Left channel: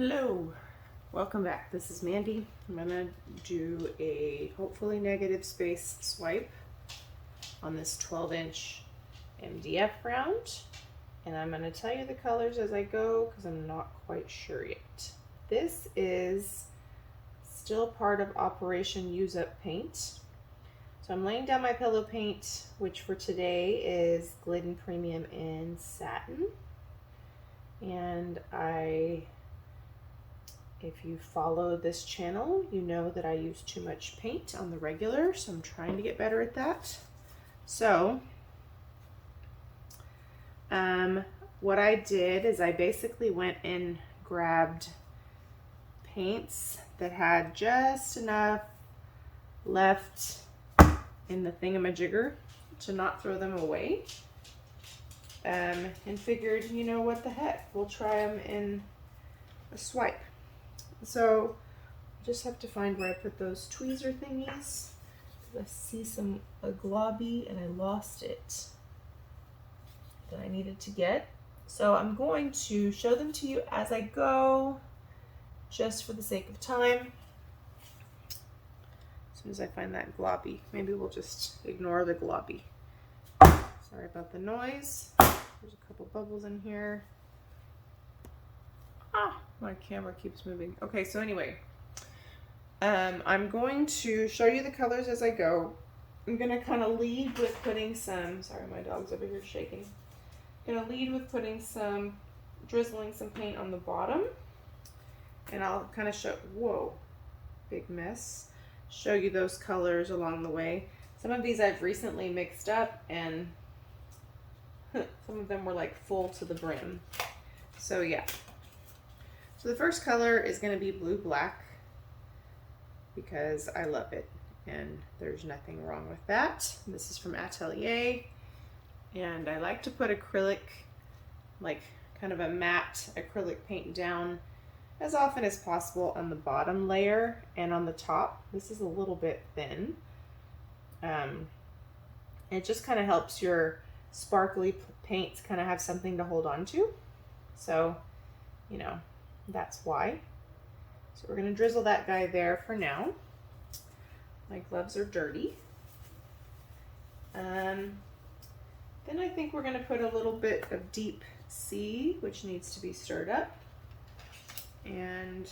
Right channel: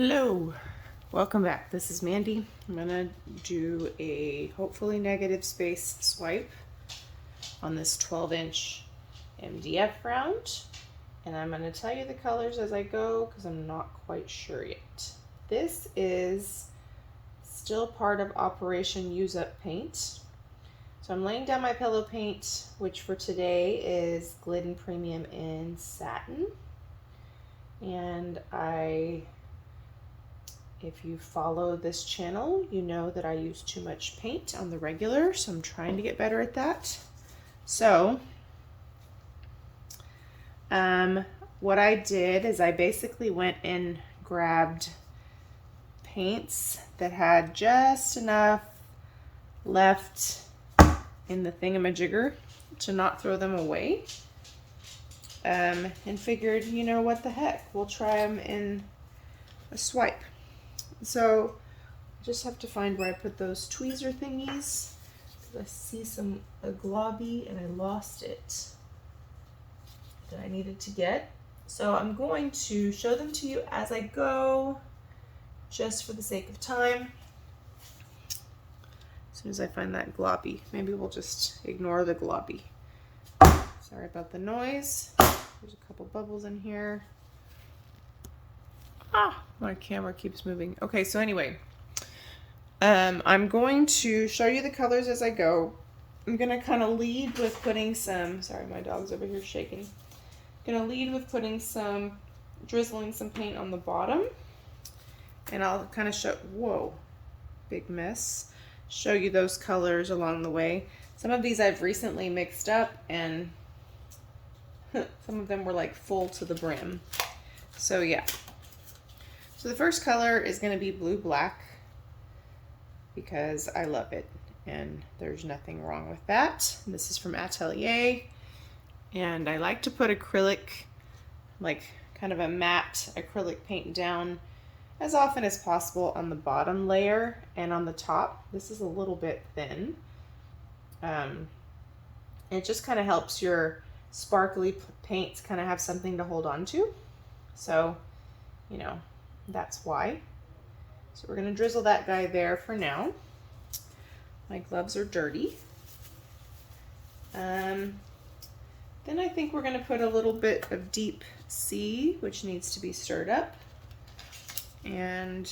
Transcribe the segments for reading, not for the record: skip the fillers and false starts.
Hello, welcome back. This is Mandy. I'm gonna do a hopefully negative space swipe on this 12-inch MDF round, and I'm gonna tell you the colors as I go because I'm not quite sure yet. This is still part of Operation Use Up Paint. So I'm laying down my pillow paint, which for today is Glidden Premium in Satin, and if you follow this channel, you know that I use too much paint on the regular, so I'm trying to get better at that. So, what I did is I basically went and grabbed paints that had just enough left in the thingamajigger to not throw them away. And figured, you know, what the heck, we'll try them in a swipe. So I just have to find where I put those tweezer thingies, because I see a globby and I lost it that I needed to get. So I'm going to show them to you as I go, just for the sake of time. As soon as I find that globby, maybe we'll just ignore the globby. Sorry about the noise. There's a couple bubbles in here. My camera keeps moving. Okay, so anyway, I'm going to show you the colors as I go. I'm gonna kind of lead with putting some, sorry, my dog's over here shaking. I'm gonna lead with putting drizzling some paint on the bottom. And I'll kind of show, whoa, big mess. Show you those colors along the way. Some of these I've recently mixed up and some of them were like full to the brim. So yeah. So the first color is going to be blue black because I love it and there's nothing wrong with that. This is from Atelier, and I like to put acrylic, like kind of a matte acrylic paint down as often as possible on the bottom layer and on the top. This is a little bit thin. It just kind of helps your sparkly paints kind of have something to hold on to. So, you know, that's why. So we're going to drizzle that guy there for now. My gloves are dirty. Then I think we're going to put a little bit of Deep Sea, which needs to be stirred up. And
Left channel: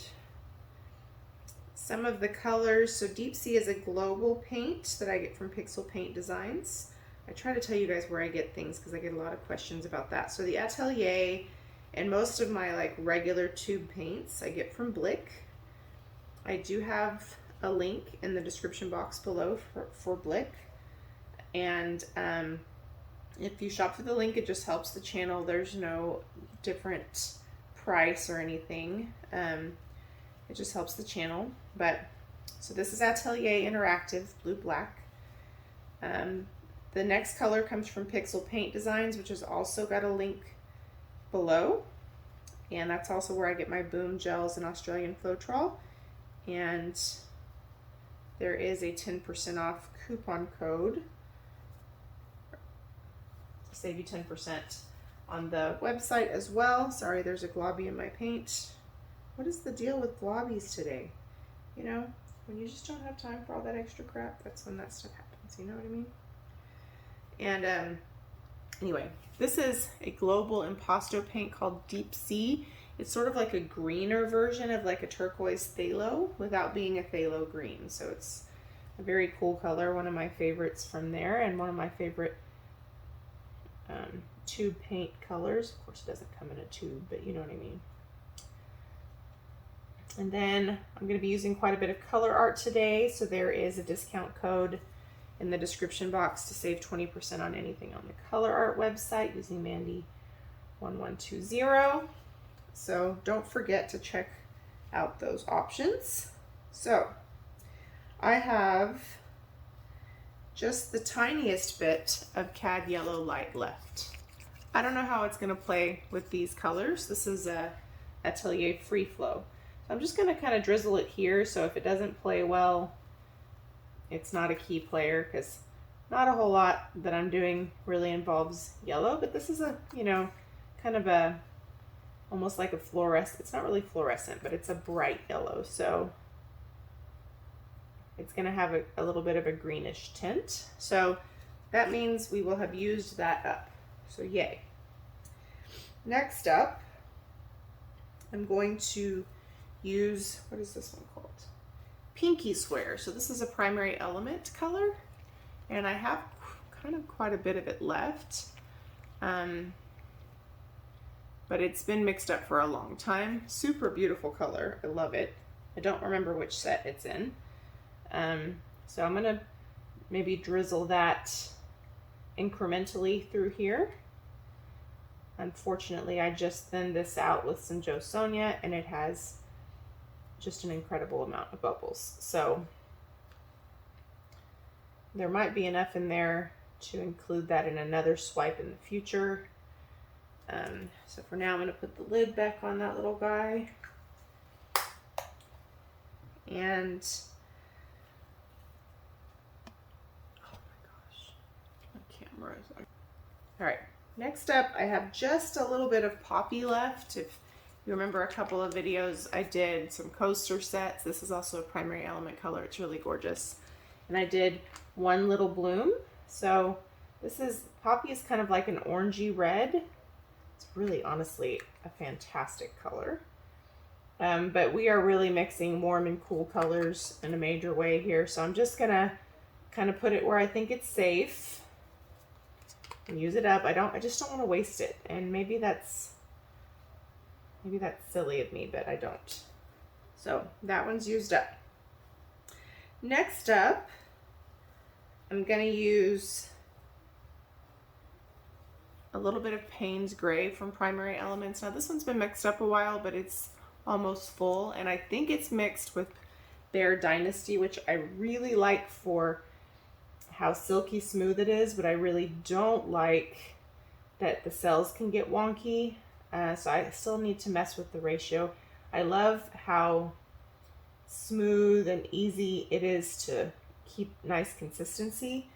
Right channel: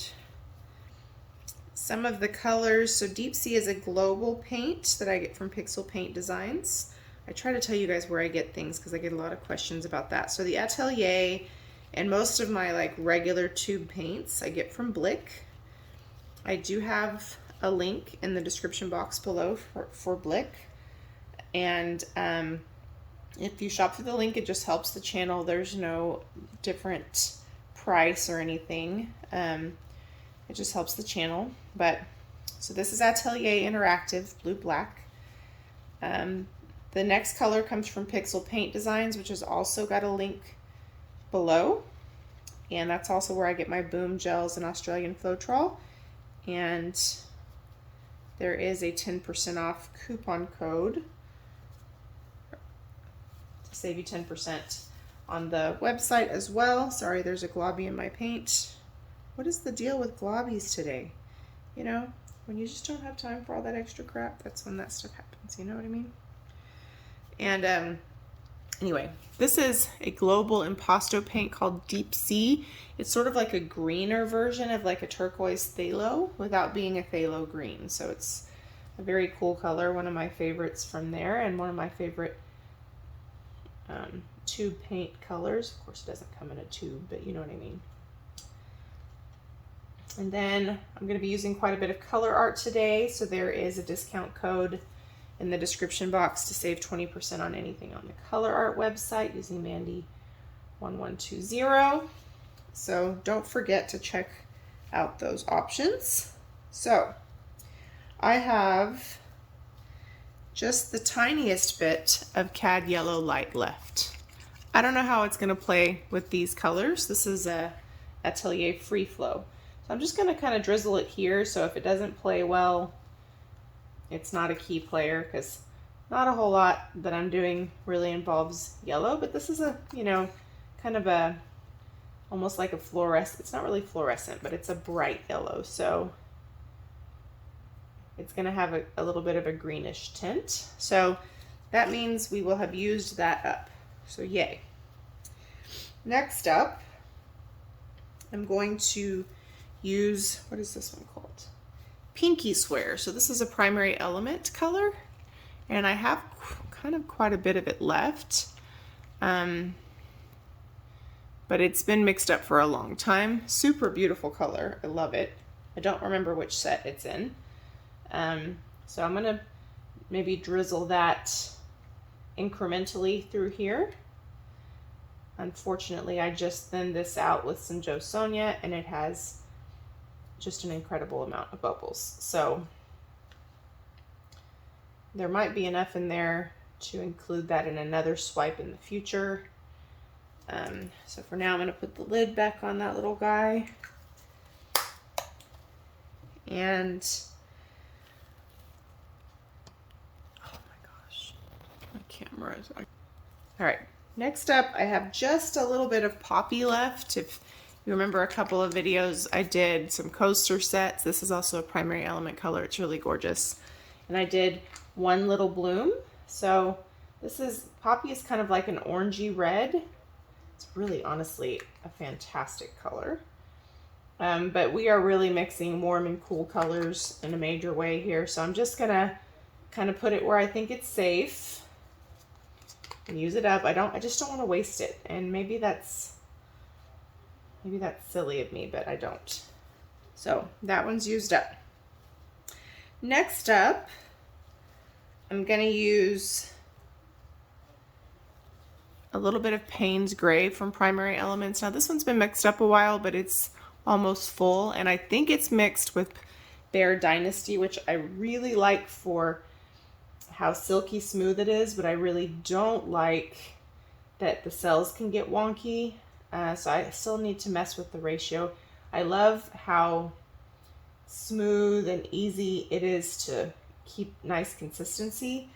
some of the colors, so Deep Sea is a global paint that I get from Pixel Paint Designs. I try to tell you guys where I get things because I get a lot of questions about that. So the Atelier, and most of my like regular tube paints I get from Blick. I do have a link in the description box below for Blick. And if you shop through the link, it just helps the channel. There's no different price or anything. It just helps the channel. But so this is Atelier Interactive, blue black. The next color comes from Pixel Paint Designs, which has also got a link below, and that's also where I get my BoomGels and Australian Floetrol. And there is a 10% off coupon code to save you 10% on the website as well. Sorry, there's a globby in my paint. What is the deal with globbies today? You know, when you just don't have time for all that extra crap, that's when that stuff happens, you know what I mean? And anyway, this is a global impasto paint called Deep Sea. It's sort of like a greener version of like a turquoise phthalo without being a phthalo green. So it's a very cool color, one of my favorites from there, and one of my favorite tube paint colors. Of course, it doesn't come in a tube, but you know what I mean. And then I'm going to be using quite a bit of Colourarte today, so there is a discount code in the description box to save 20% on anything on the Colourarte website using Mandy1120. So don't forget to check out those options. So I have just the tiniest bit of Cad Yellow Light left. I don't know how it's going to play with these colors. This is a Atelier Free Flow. So I'm just going to kind of drizzle it here, so if it doesn't play well, it's not a key player, because not a whole lot that I'm doing really involves yellow, but this is a, you know, kind of a almost like a fluorescent. It's not really fluorescent, but it's a bright yellow. So it's going to have a little bit of a greenish tint. So that means we will have used that up. So yay. Next up, I'm going to use, what is this one called? Pinky Swear. So this is a primary element color, and I have kind of quite a bit of it left. But it's been mixed up for a long time. Super beautiful color. I love it. I don't remember which set it's in. So I'm gonna maybe drizzle that incrementally through here. Unfortunately, I just thinned this out with some Joe Sonia, and it has just an incredible amount of bubbles. So there might be enough in there to include that in another swipe in the future. So for now, I'm going to put the lid back on that little guy. And oh my gosh, my camera is on. All right, next up, I have just a little bit of poppy left. If you remember a couple of videos, I did some coaster sets. This is also a primary element color. It's really gorgeous. And I did one little bloom. So this is, poppy is kind of like an orangey red. It's really, honestly, a fantastic color. But we are really mixing warm and cool colors in a major way here. So I'm just gonna kind of put it where I think it's safe and use it up. I just don't want to waste it. And maybe that's silly of me, but I don't. So that one's used up. Next up, I'm gonna use a little bit of Paynes Gray from Primary Elements. Now this one's been mixed up a while, but it's almost full, and I think it's mixed with Bear Dynasty, which I really like for how silky smooth it is, but I really don't like that the cells can get wonky. So I still need to mess with the ratio. I love how smooth and easy it is to keep nice consistency,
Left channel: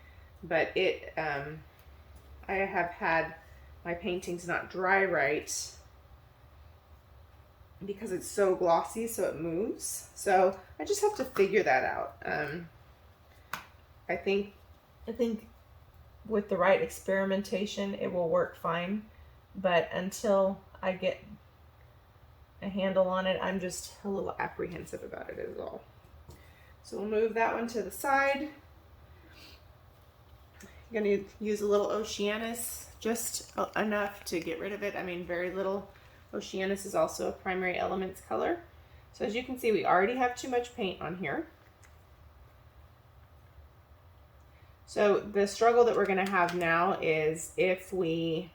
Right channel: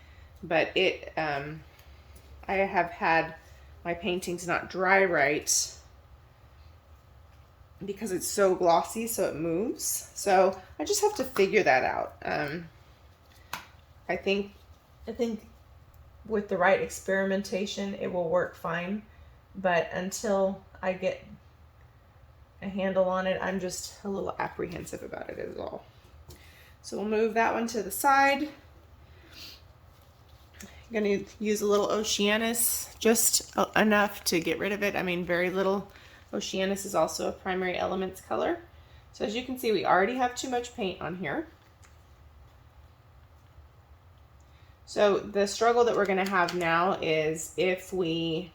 but it I have had my paintings not dry right because it's so glossy, so it moves. So I just have to figure that out. I think with the right experimentation, it will work fine. But until I get a handle on it, I'm just a little apprehensive about it as well. So we'll move that one to the side. I'm going to use a little Oceanus, just enough to get rid of it. I mean, very little. Oceanus is also a primary elements color. So as you can see, we already have too much paint on here. So the struggle that we're going to have now is if we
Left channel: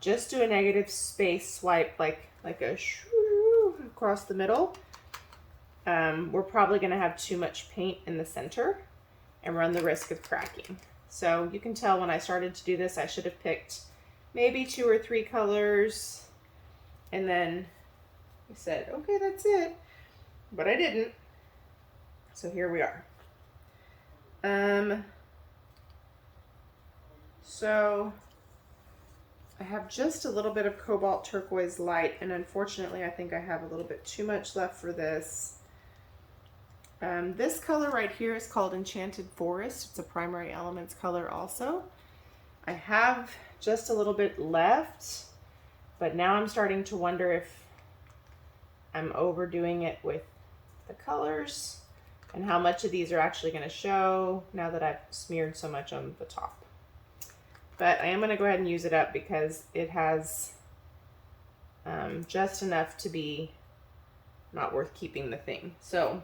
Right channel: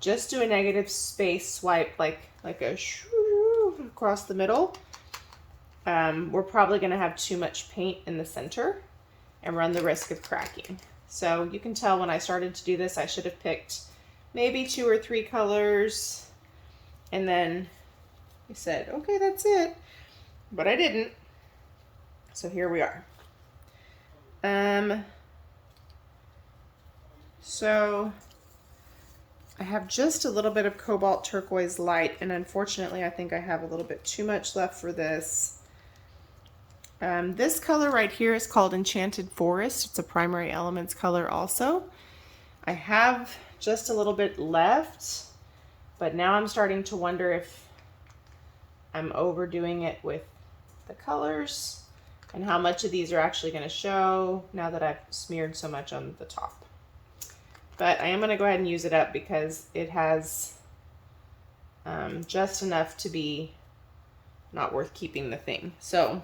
just do a negative space swipe, like a shoo across the middle, we're probably going to have too much paint in the center and run the risk of cracking. So you can tell when I started to do this, I should have picked maybe 2 or 3 colors, and then I said, okay, that's it, but I didn't. So here we are. So I have just a little bit of Cobalt Turquoise Light, and unfortunately I think I have a little bit too much left for this. This color right here is called Enchanted Forest. It's a primary elements color also. I have just a little bit left, but now I'm starting to wonder if I'm overdoing it with the colors and how much of these are actually going to show now that I've smeared so much on the top. But I am going to go ahead and use it up because it has just enough to be not worth keeping the thing. So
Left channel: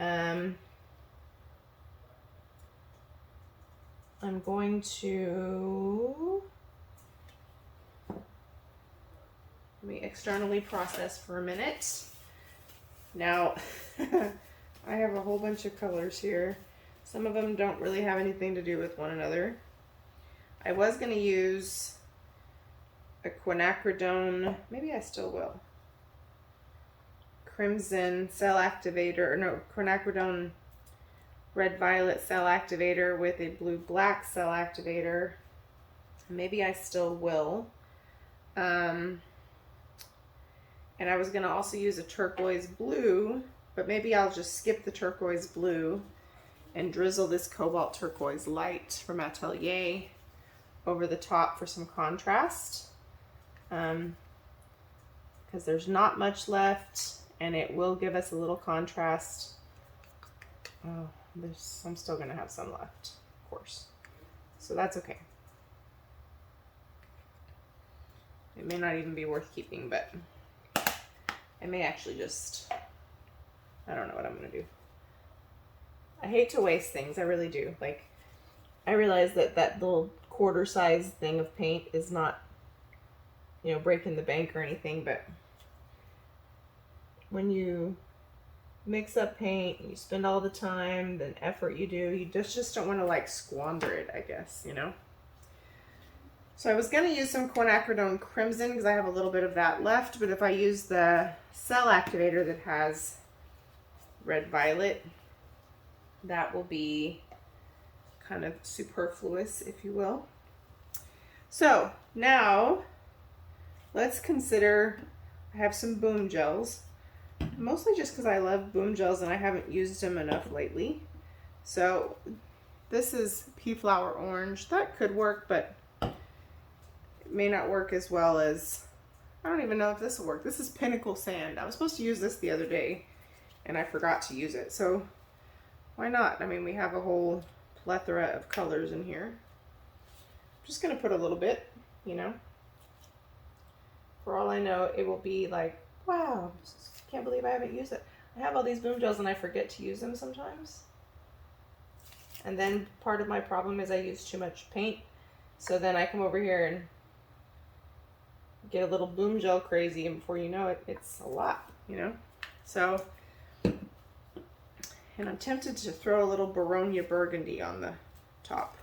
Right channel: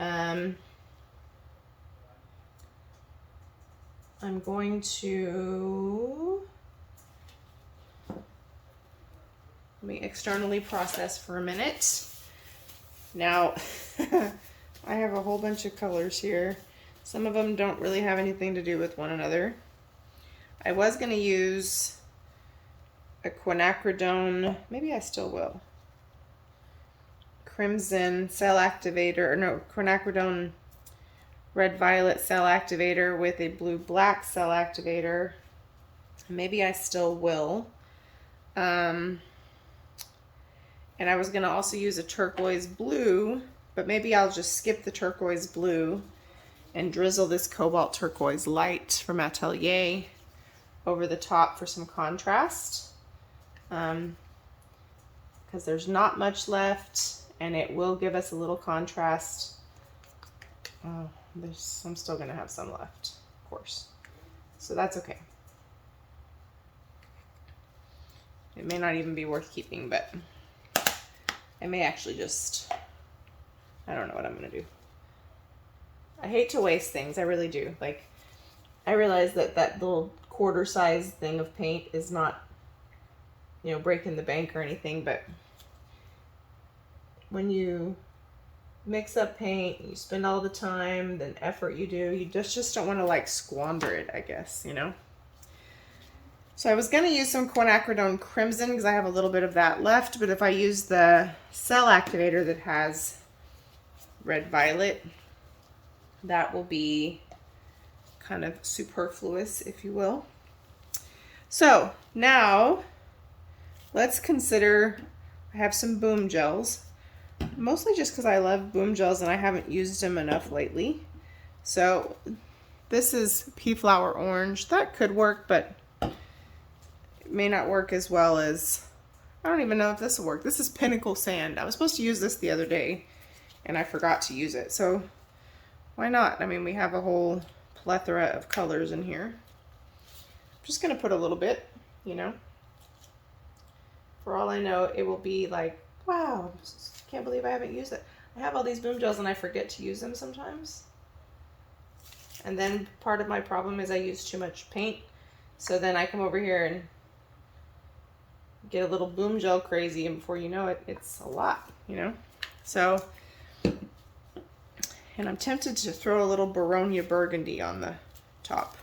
I'm going to let me externally process for a minute. Now, I have a whole bunch of colors here. Some of them don't really have anything to do with one another. I was going to use a Quinacridone, maybe I still will. Crimson Cell Activator, or no, Quinacridone Red Violet Cell Activator with a Blue Black Cell Activator. Maybe I still will. And I was gonna also use a turquoise blue, but maybe I'll just skip the turquoise blue and drizzle this cobalt turquoise light from Atelier over the top for some contrast. Because there's not much left, and it will give us a little contrast. Oh, I'm still gonna have some left, of course. So that's okay. It may not even be worth keeping, but I may actually just, I don't know what I'm gonna do. I hate to waste things, I really do. Like, I realize that that little quarter size thing of paint is not, you know, breaking the bank or anything, but when you mix up paint, you spend all the time, the effort you do, you just don't want to like squander it, I guess, you know. So I was going to use some Quinacridone Crimson because I have a little bit of that left, but if I use the cell activator that has red violet, that will be kind of superfluous, if you will. So now let's consider, I have some BoomGels, mostly just because I love BoomGels and I haven't used them enough lately. So this is Pea Flower Orange. That could work, but it may not work as well as, I don't even know if this will work. This is Pinnacle Sand. I was supposed to use this the other day and I forgot to use it. So why not? I mean, we have a whole plethora of colors in here. I'm just gonna put a little bit, you know. For all I know, it will be like, wow, can't believe I haven't used it. I have all these BoomGels and I forget to use them sometimes. And then part of my problem is I use too much paint. So then I come over here and get a little BoomGel crazy, and before you know it, it's a lot, you know? So, and I'm tempted to throw a little Boronia Burgundy on the top.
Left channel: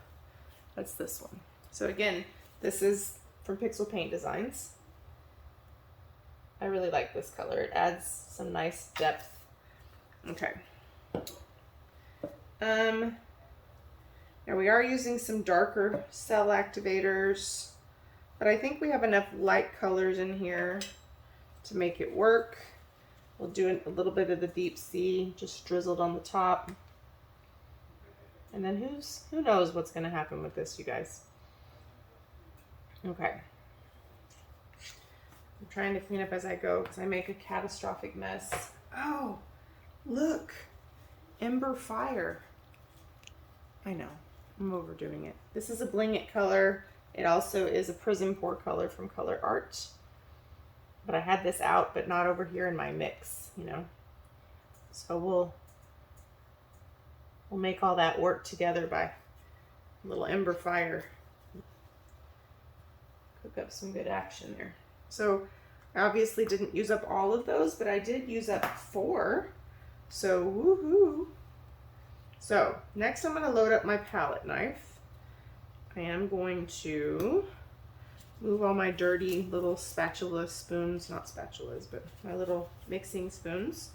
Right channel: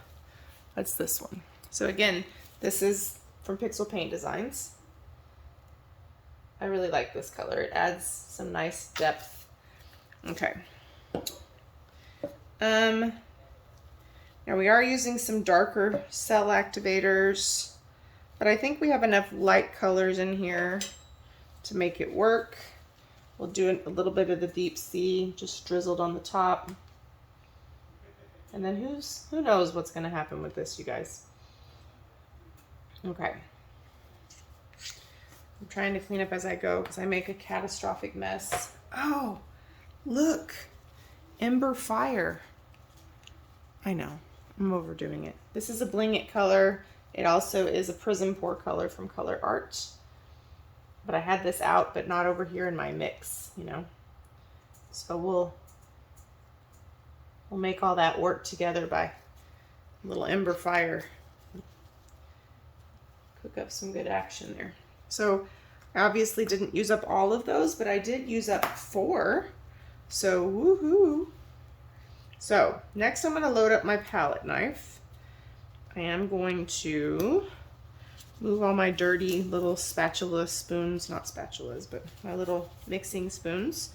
That's this one. So again, this is from Pixel Paint Designs. I really like this color. It adds some nice depth. Okay. Now we are using some darker cell activators, but I think we have enough light colors in here to make it work. We'll do a little bit of the deep sea, just drizzled on the top. And then who knows what's gonna happen with this, you guys. Okay. I'm trying to clean up as I go because I make a catastrophic mess. Oh, look, Ember Fire. I know, I'm overdoing it. This is a Bling It color. It also is a PrizmPour color from Colourarte. But I had this out, but not over here in my mix, you know. So we'll make all that work together by a little Ember Fire. Cook up some good action there. So I obviously didn't use up all of those, but I did use up 4. So woohoo. So next I'm going to load up my palette knife. I am going to move all my dirty little spatula spoons, not spatulas, but my little mixing spoons.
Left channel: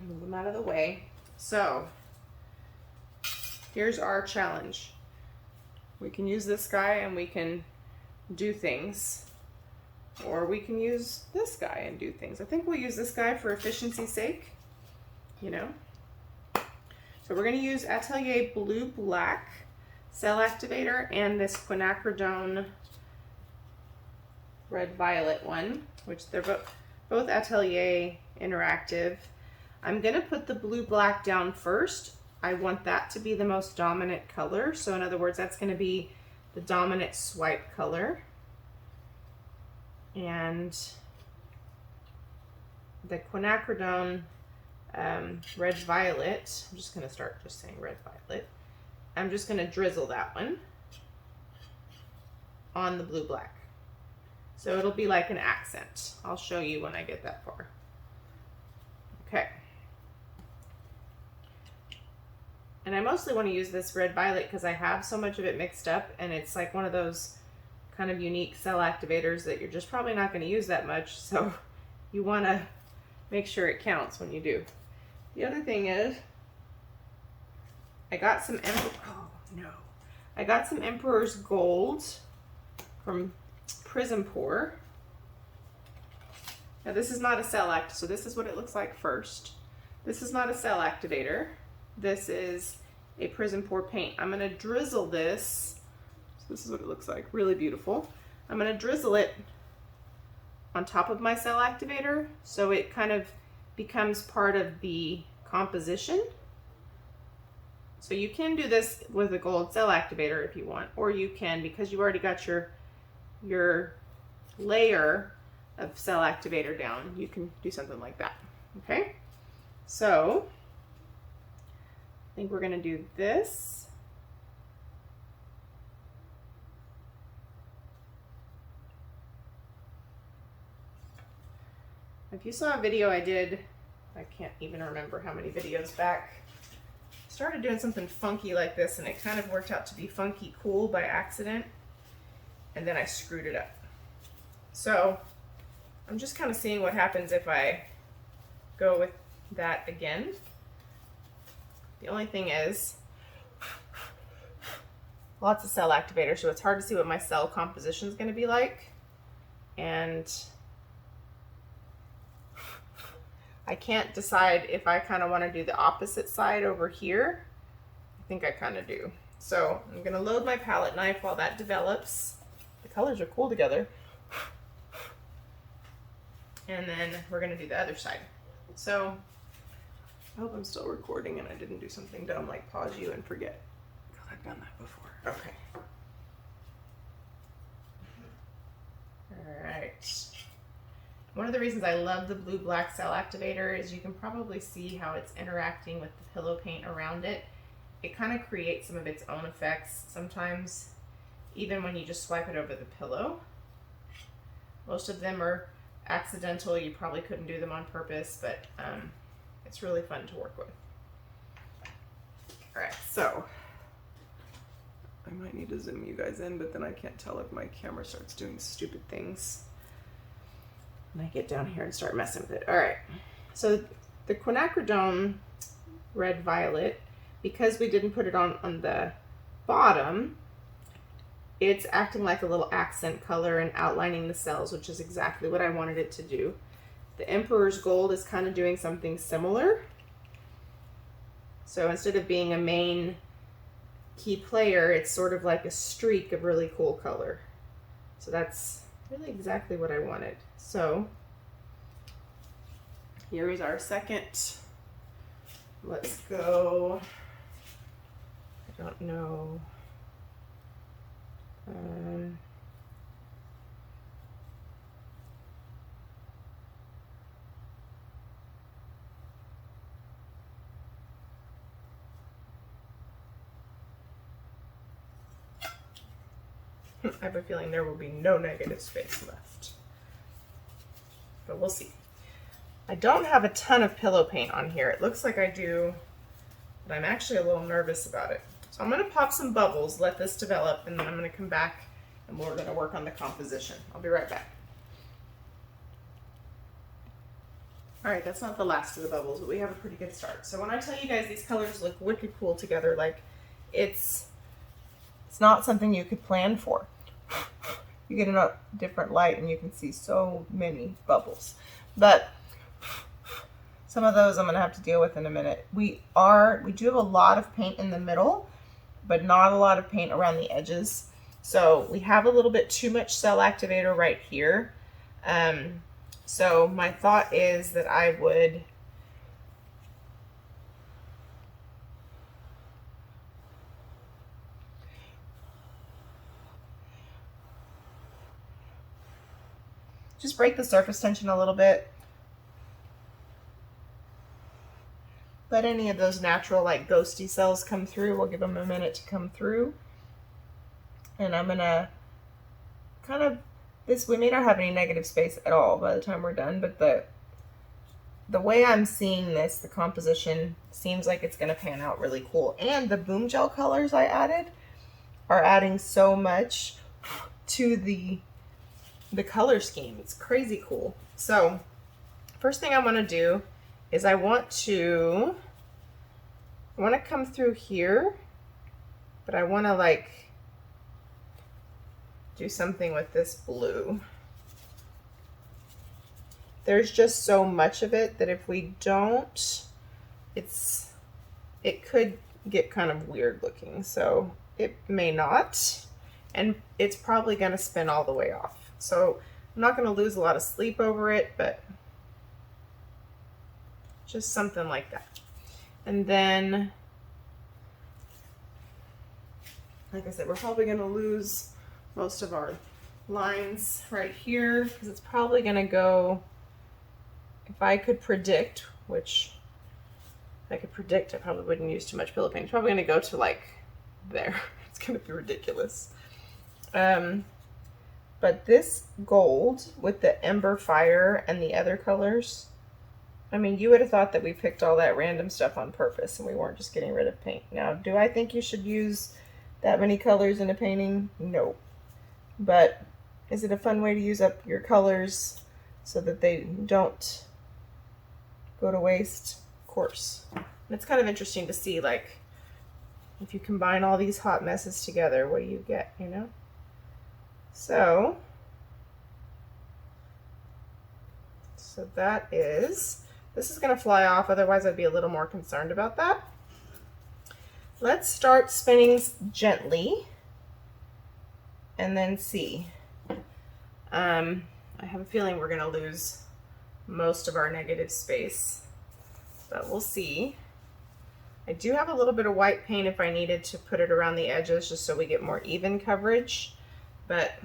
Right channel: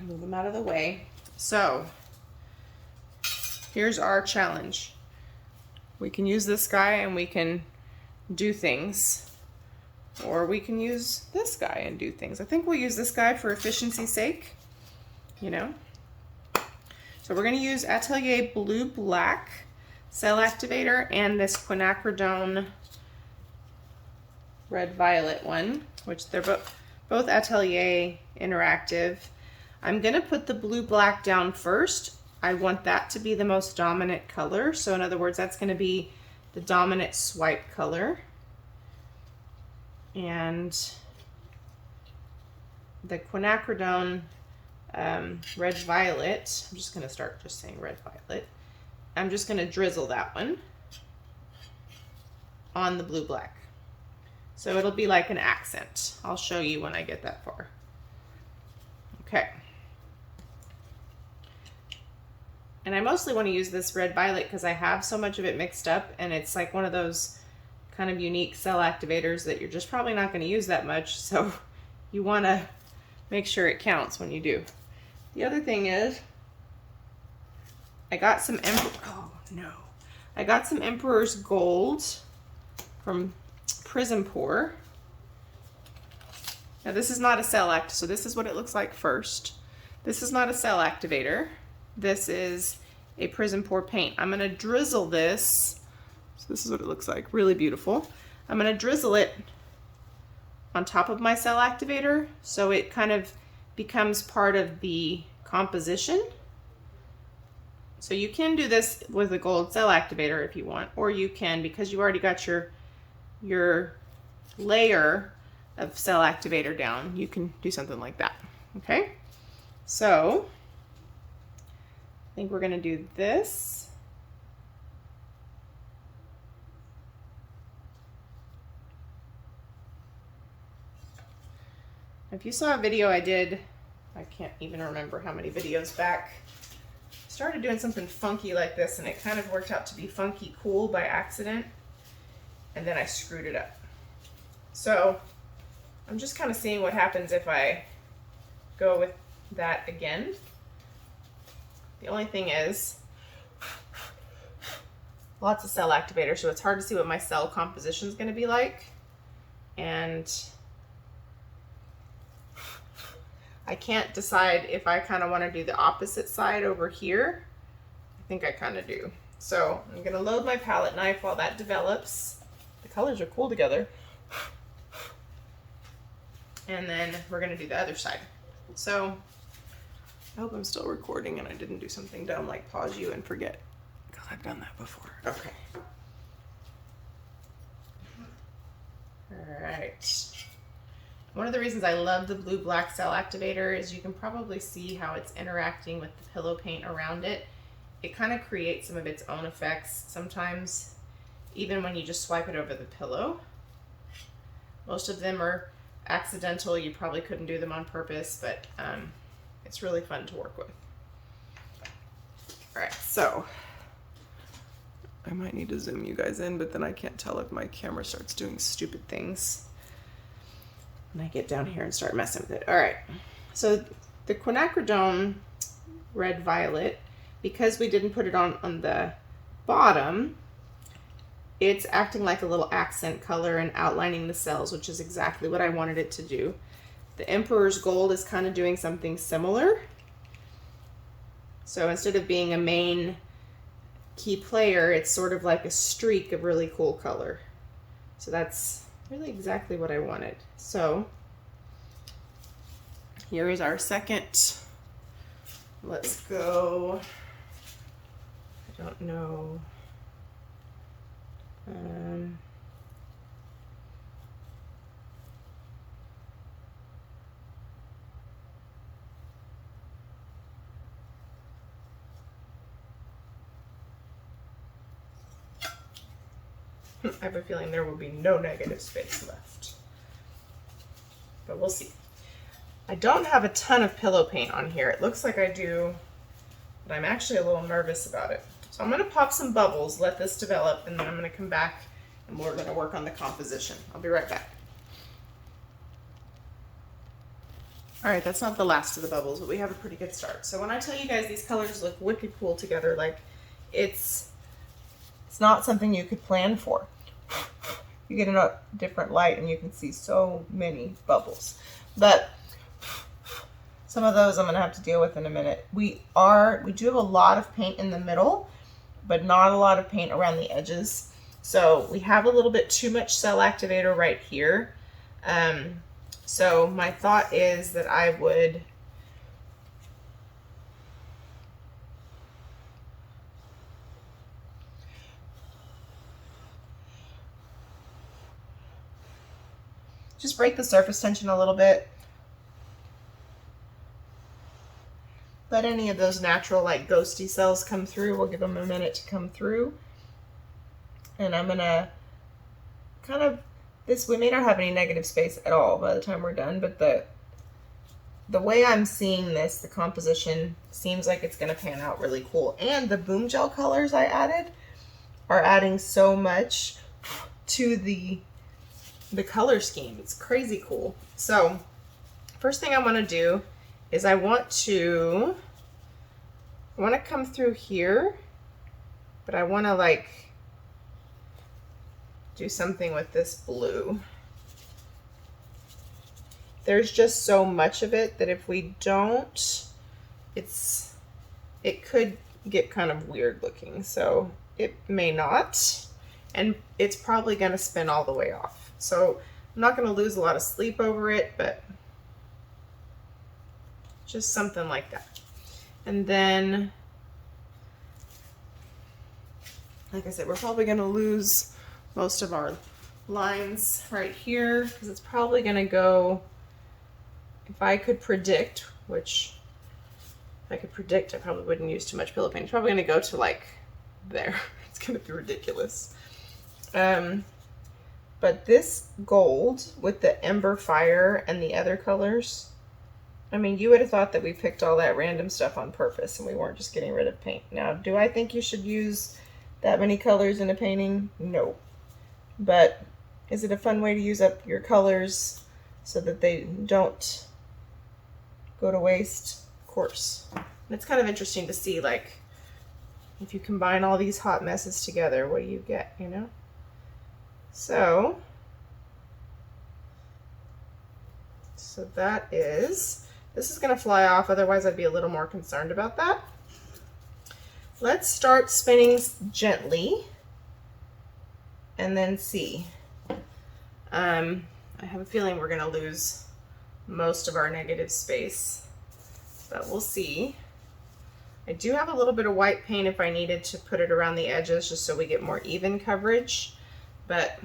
Move them out of the way. So here's our challenge. We can use this guy and we can do things. Or we can use this guy and do things. I think we'll use this guy for efficiency's sake, you know. So we're going to use Atelier Blue Black Cell Activator and this Quinacridone Red Violet one, which they're both Atelier Interactive. I'm going to put the Blue Black down first. I want that to be the most dominant color. So in other words, that's going to be the dominant swipe color. And the Quinacridone Red Violet, I'm just going to start just saying Red Violet. I'm just going to drizzle that one on the Blue Black. So it'll be like an accent. I'll show you when I get that far. Okay. And I mostly want to use this Red Violet because I have so much of it mixed up, and it's like one of those kind of unique cell activators that you're just probably not going to use that much, so you want to make sure it counts when you do. The other thing is, I got some I got some Emperor's Gold from PrizmPour. Now this is not a cell act, so this is what it looks like first. This is not a cell activator. This is a PrizmPour paint. I'm gonna drizzle this. So this is what it looks like, really beautiful. I'm gonna drizzle it on top of my cell activator so it kind of becomes part of the composition. So you can do this with a gold cell activator if you want, or you can, because you already got your layer of cell activator down, you can do something like that. Okay, so I think we're gonna do this. If you saw a video I did, I can't even remember how many videos back, started doing something funky like this, and it kind of worked out to be funky cool by accident, and then I screwed it up. So I'm just kind of seeing what happens if I go with that again. The only thing is, lots of cell activator, so it's hard to see what my cell composition is going to be like. And I can't decide if I kind of want to do the opposite side over here. I think I kind of do. So I'm going to load my palette knife while that develops. The colors are cool together. And then we're going to do the other side. So I hope I'm still recording and I didn't do something dumb like pause you and forget, because I've done that before. Okay. All right. One of the reasons I love the blue black cell activator is you can probably see how it's interacting with the pillow paint around it. It kind of creates some of its own effects sometimes, even when you just swipe it over the pillow. Most of them are accidental. You probably couldn't do them on purpose, but it's really fun to work with. All right, so I might need to zoom you guys in, but then I can't tell if my camera starts doing stupid things and I get down here and start messing with it. All right, so the Quinacridone Red Violet, because we didn't put it on the bottom, it's acting like a little accent color and outlining the cells, which is exactly what I wanted it to do. The Emperor's Gold is kind of doing something similar. So instead of being a main key player, it's sort of like a streak of really cool color. So that's really exactly what I wanted. So here is our second. Let's go. I don't know. I have a feeling there will be no negative space left, but we'll see. I don't have a ton of pillow paint on here. It looks like I do, but I'm actually a little nervous about it. So I'm going to pop some bubbles, let this develop, and then I'm going to come back and we're going to work on the composition. I'll be right back. All right, that's not the last of the bubbles, but we have a pretty good start. So when I tell you guys these colors look wicked cool together, like it's not something you could plan for. You get a different light and you can see so many bubbles. But some of those I'm going to have to deal with in a minute. We do have a lot of paint in the middle, but not a lot of paint around the edges. So we have a little bit too much cell activator right here. So my thought is that I would just break the surface tension a little bit. Let any of those natural like ghosty cells come through. We'll give them a minute to come through. And I'm gonna kind of, we may not have any negative space at all by the time we're done, but the way I'm seeing this, the composition seems like it's gonna pan out really cool. And the BoomGel colors I added are adding so much to the color scheme. It's crazy cool. So first thing I want to do is I want to come through here, but I want to like do something with this blue. There's just so much of it that if we don't, it could get kind of weird looking. So it may not, and it's probably going to spin all the way off. So I'm not going to lose a lot of sleep over it, but just something like that. And then, like I said, we're probably going to lose most of our lines right here because it's probably going to go, if I could predict, which if I could predict, I probably wouldn't use too much pillow paint. It's probably going to go to like there. It's going to be ridiculous. But this gold with the Ember Fire and the other colors, I mean, you would have thought that we picked all that random stuff on purpose and we weren't just getting rid of paint. Now, do I think you should use that many colors in a painting? No. But is it a fun way to use up your colors so that they don't go to waste? Of course. And it's kind of interesting to see, like, if you combine all these hot messes together, what do you get, you know? So that is, this is going to fly off, otherwise I'd be a little more concerned about that. Let's start spinning gently and then see. I have a feeling we're going to lose most of our negative space, but we'll see. I do have a little bit of white paint if I needed to put it around the edges just so we get more even coverage, but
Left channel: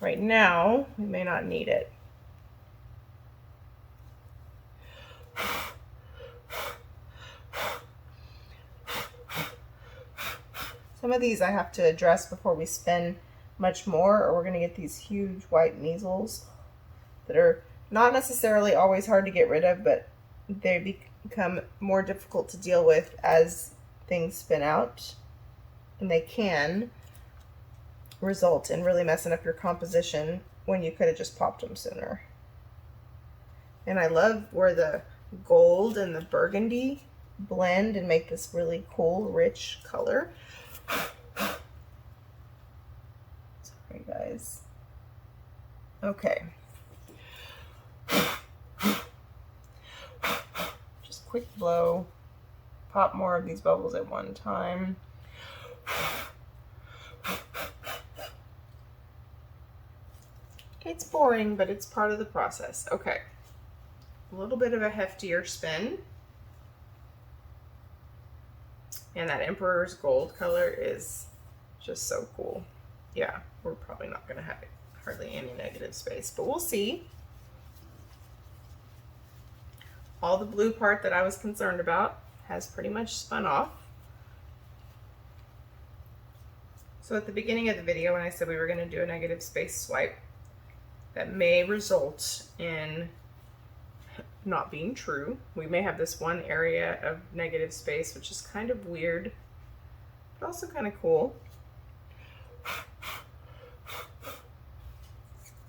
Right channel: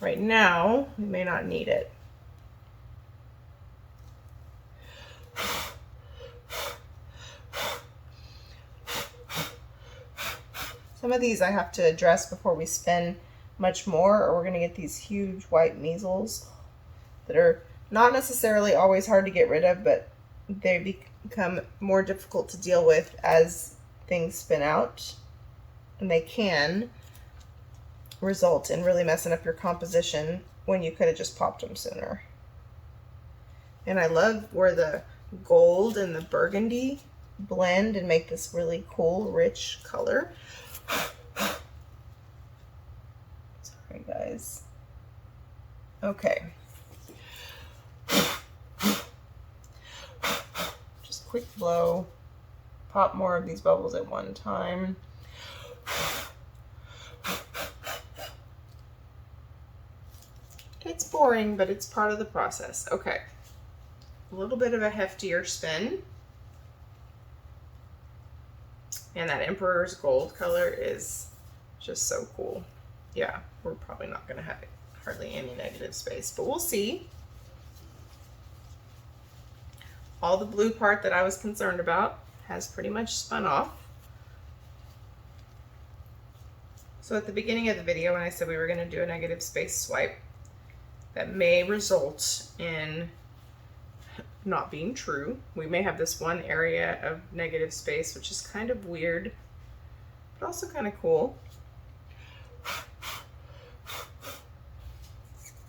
right now we may not need it. Some of these I have to address before we spin much more, or we're going to get these huge white measles that are not necessarily always hard to get rid of, but they become more difficult to deal with as things spin out, and they can result in really messing up your composition when you could have just popped them sooner. And I love where the gold and the burgundy blend and make this really cool, rich color. Sorry, guys. Okay. Just quick blow. Pop more of these bubbles at one time. It's boring, but it's part of the process. Okay. A little bit of a heftier spin. And that Emperor's Gold color is just so cool. Yeah, we're probably not going to have hardly any negative space, but we'll see. All the blue part that I was concerned about has pretty much spun off. So at the beginning of the video when I said we were going to do a negative space swipe, that may result in not being true. We may have this one area of negative space, which is kind of weird, but also kind of cool.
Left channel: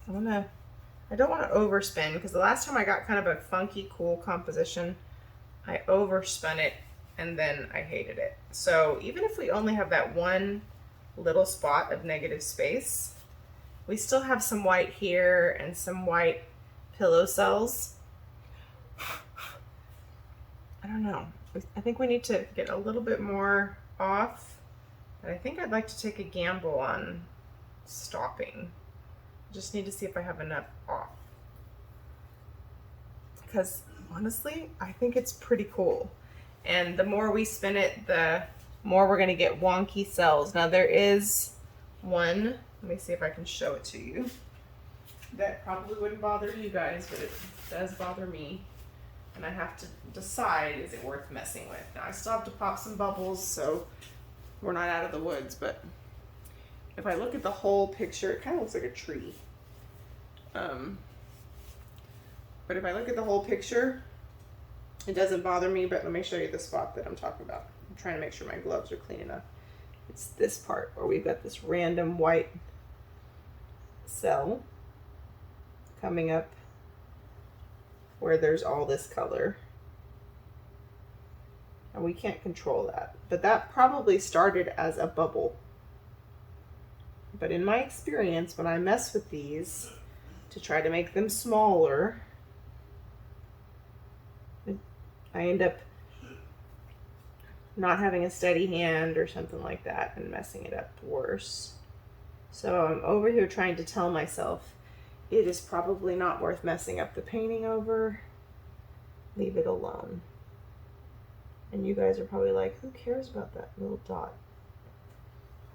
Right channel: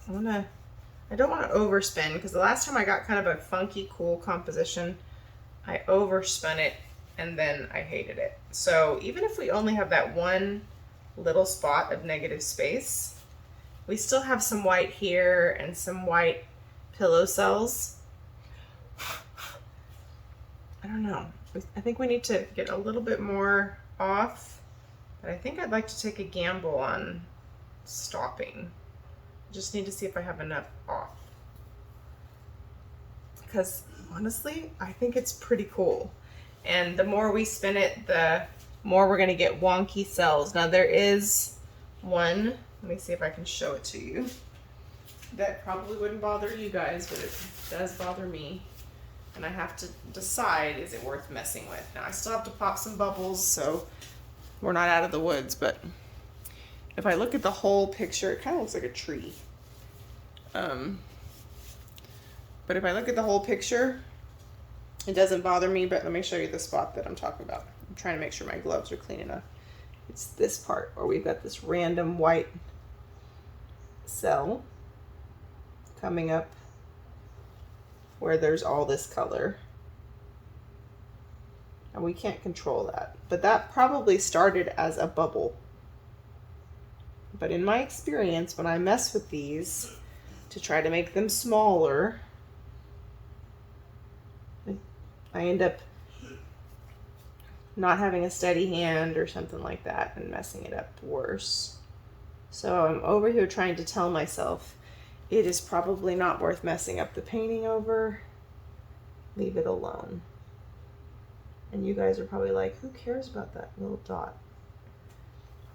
I don't want to overspin, because the last time I got kind of a funky, cool composition, I overspun it and then I hated it. So even if we only have that one little spot of negative space, we still have some white here and some white pillow cells. I don't know. I think we need to get a little bit more off, but I think I'd like to take a gamble on stopping. I just need to see if I have enough off. Because honestly, I think it's pretty cool. And the more we spin it, the more we're going to get wonky cells. Now there is one, let me see if I can show it to you. That probably wouldn't bother you guys, but it does bother me. And I have to decide, is it worth messing with? Now I still have to pop some bubbles, so we're not out of the woods, but if I look at the whole picture, it kind of looks like a tree. But if I look at the whole picture, it doesn't bother me, but let me show you the spot that I'm talking about. I'm trying to make sure my gloves are clean enough. It's this part where we've got this random white cell coming up where there's all this color. and we can't control that. But that probably started as a bubble. But in my experience, when I mess with these to try to make them smaller, I end up not having a steady hand or something like that and messing it up worse. So I'm over here trying to tell myself it is probably not worth messing up the painting over. Leave it alone. And you guys are probably like, who cares about that little dot?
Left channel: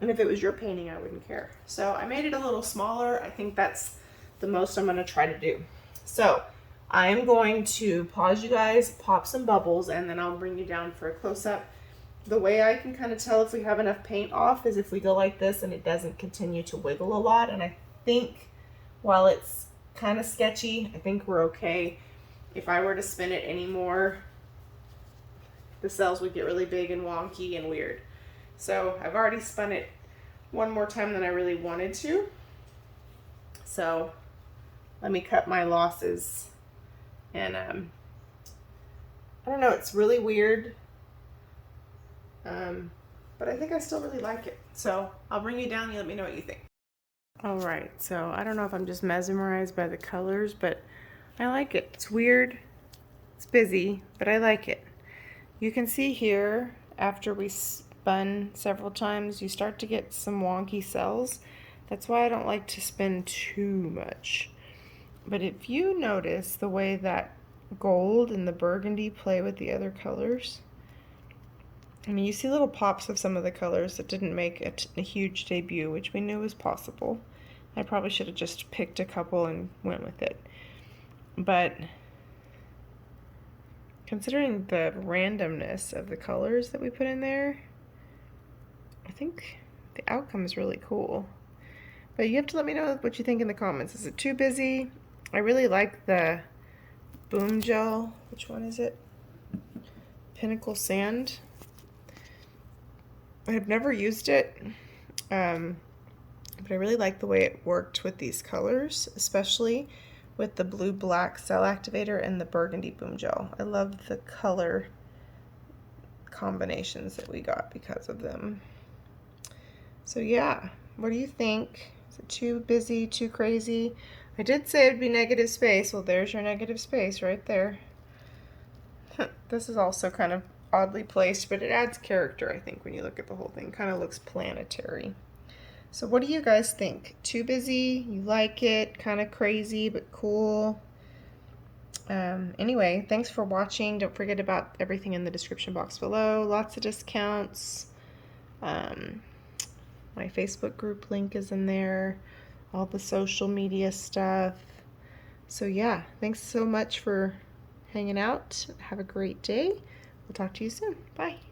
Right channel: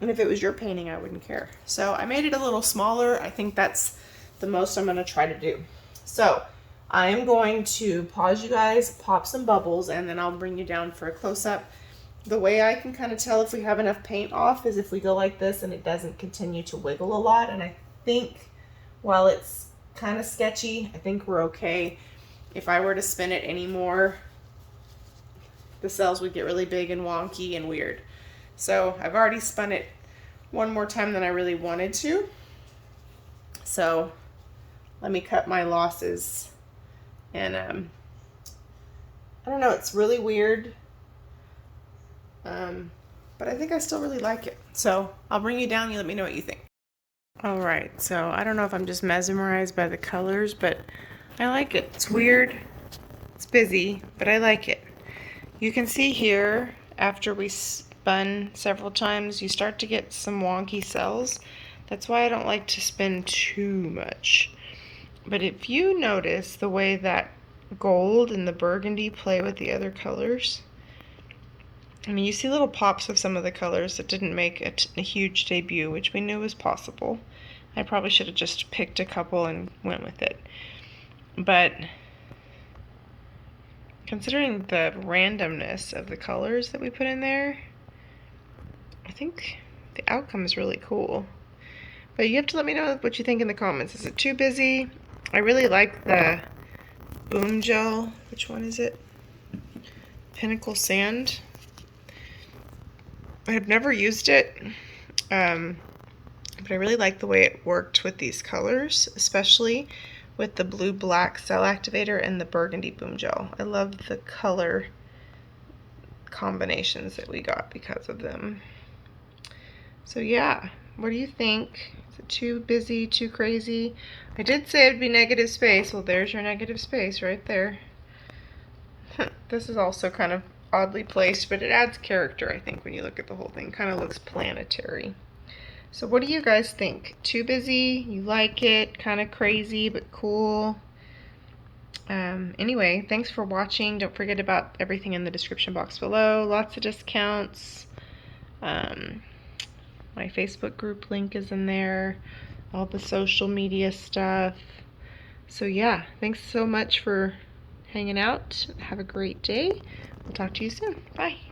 And if it was your painting, I wouldn't care. So I made it a little smaller. I think that's the most I'm gonna try to do. So I am going to pause you guys, pop some bubbles, and then I'll bring you down for a close-up. The way I can kind of tell if we have enough paint off is if we go like this and it doesn't continue to wiggle a lot. And I think while it's kind of sketchy, I think we're okay. If I were to spin it anymore, the cells would get really big and wonky and weird. So I've already spun it one more time than I really wanted to. So let me cut my losses. And I don't know, it's really weird. But I think I still really like it. So I'll bring you down, you let me know what you think. All right, so I don't know if I'm just mesmerized by the colors, but I like it. It's weird, it's busy, but I like it. You can see here, after we spun several times, you start to get some wonky cells. That's why I don't like to spin too much. But if you notice the way that gold and the burgundy play with the other colors, I mean, you see little pops of some of the colors that didn't make a huge debut, which we knew was possible. I probably should have just picked a couple and went with it. But considering the randomness of the colors that we put in there, I think the outcome is really cool. But you have to let me know what you think in the comments. Is it too busy? I really like the BoomGel. Which one is it? Pinnacle Sand. I have never used it, but I really like the way it worked with these colors, especially with the blue-black cell activator and the burgundy BoomGel. I love the color combinations that we got because of them. So yeah, what do you think? Is it too busy, too crazy? I did say it'd be negative space. Well, there's your negative space right there. This is also kind of oddly placed, but it adds character, I think, when you look at the whole thing. Kind of looks planetary. So what do you guys think? Too busy? You like it? Kind of crazy, but cool? Anyway, thanks for watching. Don't forget about everything in the description box below. Lots of discounts. My Facebook group link is in there. All the social media stuff. So yeah, thanks so much for hanging out. Have a great day. We'll talk to you soon. Bye.